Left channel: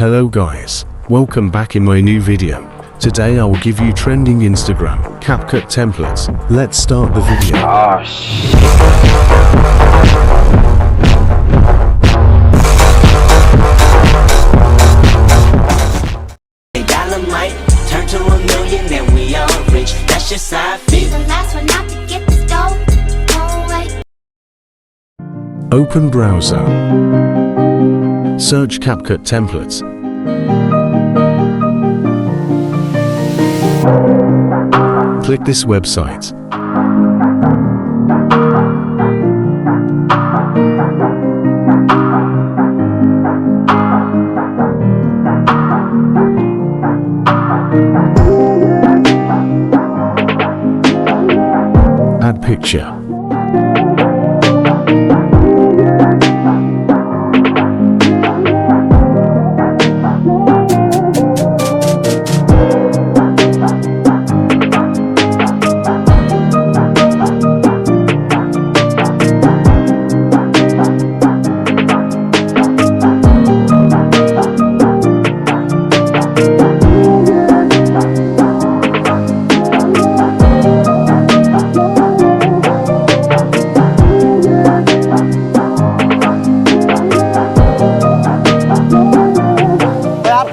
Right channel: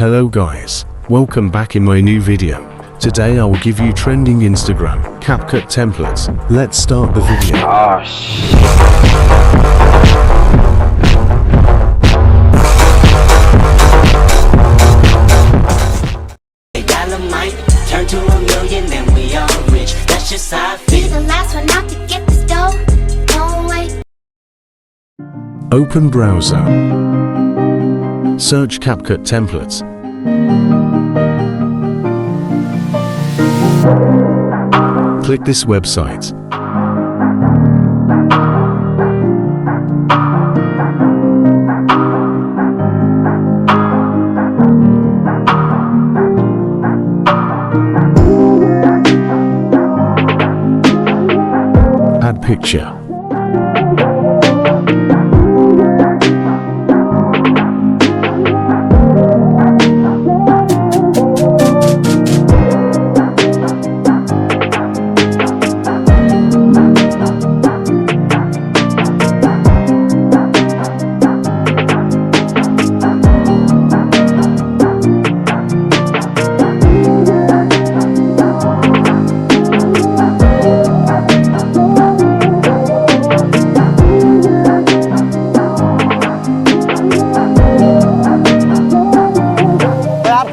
Hello guys, welcome back in my new video. Today I will give you trending Instagram Capcut templates. Let's start the video. Oh shit. Open browser. Search Capcut templates. Click this website. Add picture.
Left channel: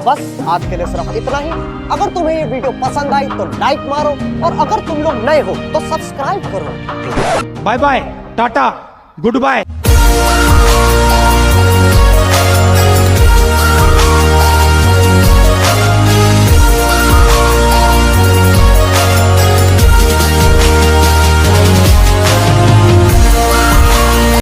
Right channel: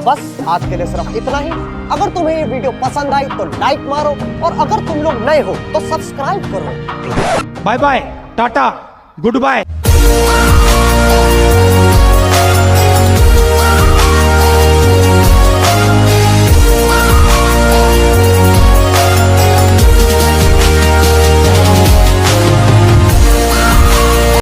बस आज के लिए सिर्फ इतना ही। अगर तुम्हें ये video पसंद आई तो लाइक मारो और अगर तुम लोग नए हो तो सब्सक्राइब करो। Bye bye, tata, good bye.